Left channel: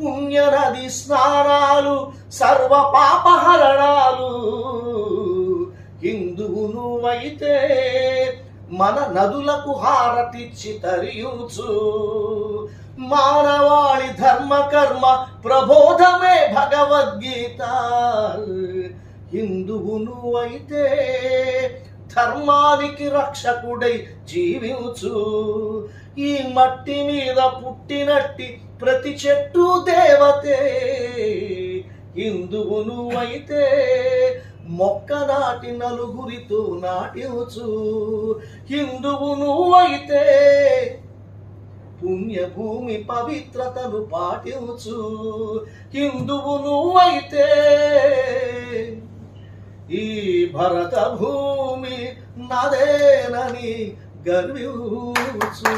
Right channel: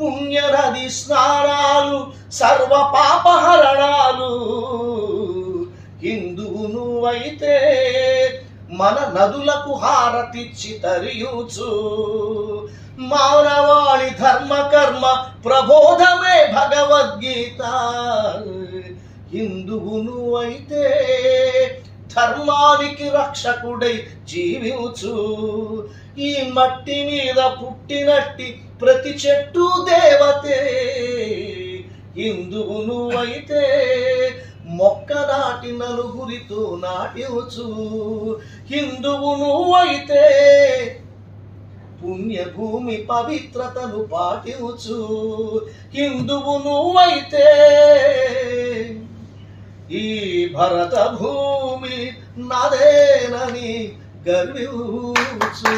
పుణ్యనది స్నానాలు సర్వ పాపహరణాలు. హిందువు నువ్వైతే మన నదులకు హారతిచ్చి తరియుచు. మానవాళి ధర్మ కర్మ ప్రబోధమే భగవద్గీత. హిందువు నువ్వైతే ధర్మానికి రక్షకుడై జీవించు. ఈ మట్టి మీద పుట్టినట్టి ప్రతి చెట్టు దేవతే. హిందువు నువ్వైతే మొక్క నాటి నలుగురితో నాటించు. హిందువు నువ్వైతే పుణ్యభూమి పవిత్రతను పాటించు. హిందువు నువ్వైతే ఈ భరత భూమి నాదేనని గర్వించు.